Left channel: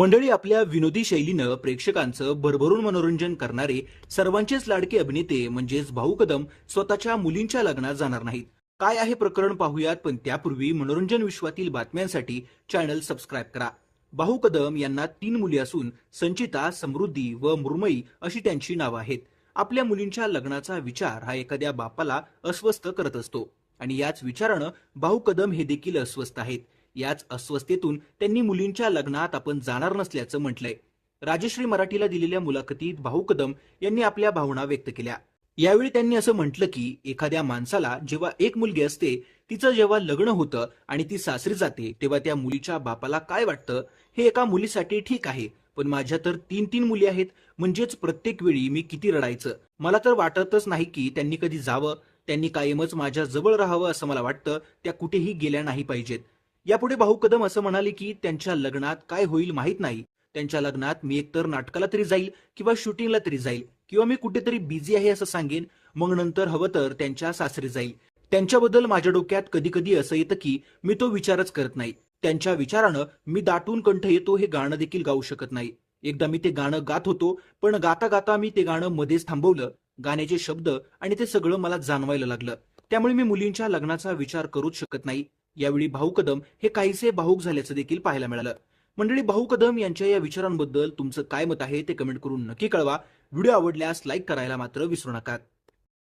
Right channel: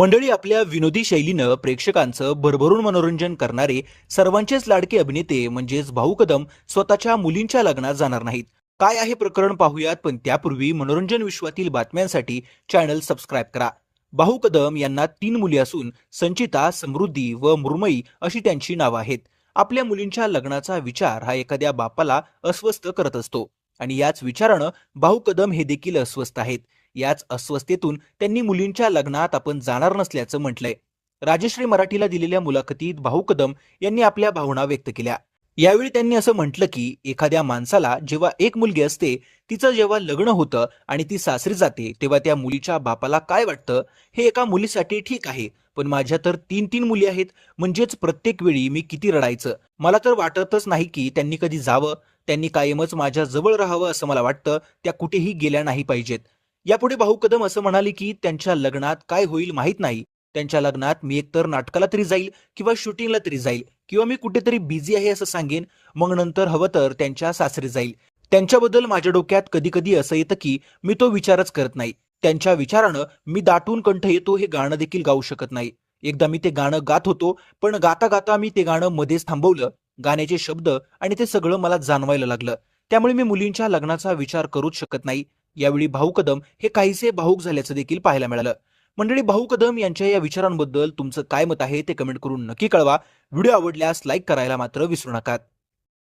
मंडळी आपल्या विनोदी शैलीनं प्रेक्षकांचं भरभरून मनोरंजन करणारे सर्वांचेच लाडके अभिनेते म्हणजेच भाऊ कदम स्वतःच्या मुलींच्या लग्नात जाणार नाहीत. काय आहे प्रकरण पाहूयात पण त्यापूर्वी मनोरंजन विश्वातील बातम्यांसाठी चॅनल सबस्क्राईब करा. भाऊ कदम यांना तीन मुली असून संचिता समृद्धी व मृमयी अशी त्यांची नावं आहेत. आपल्या मुलींच्या लग्नाचा विचार हा एखाद्या बापाला अस्वस्थ करत असतो. आणि याच विचारानं भाऊ कदम हे देखील अस्वस्थ आहेत. याच अस्वस्थेतून त्यांनी मुलींच्या लग्नात आपण जाणार नसल्याचं म्हटलंय. राजश्री मराठीला दिलेल्या मुलाखतीत भाऊ कदम यांनी आपल्या भावना व्यक्त केल्या. यावेळी त्यांनी असं म्हटलं की एखाद्या माणसाला जेव्हा एक मुलगी असते तिचं जेव्हा लग्न होतं आणि ती सासरी जाते तेव्हा त्या मुलीच्या बापाला काय वाटतं? हे एका मुलीसाठी ठीक आहे पण माझ्या तर तीन तीन मुली आहेत म्हणजेच प्रत्येक वेळी मी किती रडायचं? मला तर वाटतच नाही की त्यांनी कधी जावं. त्यांनी कायमच माझ्या जवळ राहावं असं मला वाटतं त्या कुठेही गेल्या नाही पाहिजेत. यापुढे भाऊ कदम असं म्हणाले की त्यांच्या लग्नात काय होईल माहीत नाही. त्यांच्या लग्नात मी एकतर नाटकाला तरी जाईल किंवा शूटिंगला तरी जाईल किंवा मी कुठेतरी बिझी आहे असं सांगेन. मग नंतर हवं तर त्यांच्या सासरी जाईल. त्यांच्याबद्दल माझ्या डोक्यात कधी कधी असं येतं की मी तो विचारच करत नाही. त्यांच्या विचारानं मी दाटून कंठ येतो हे गाणं देखील गाऊ शकत नाही. एकदा मी ते गाणं गात होतो पण गाता गाता मी ते गाणं मध्येच थांबवलं. गाण्याचे शब्द आणि ते सगळं मला जाणवायला लागलं. त्यामुळे मी मुलींच्या लग्नाचा विचार करूच शकत नाही. यावेळी भाऊ कदम हे काहीसे भाऊक झाल्याचं देखील पाहायला मिळालं. मंडळी भाऊ कदम यांच्या या विचारांबद्दल तुमचं काय मत आहे ते कमेंट करून नक्की कळवा. व्हिडिओ आवडल्यास लाईक करायला मात्र विसरू नका.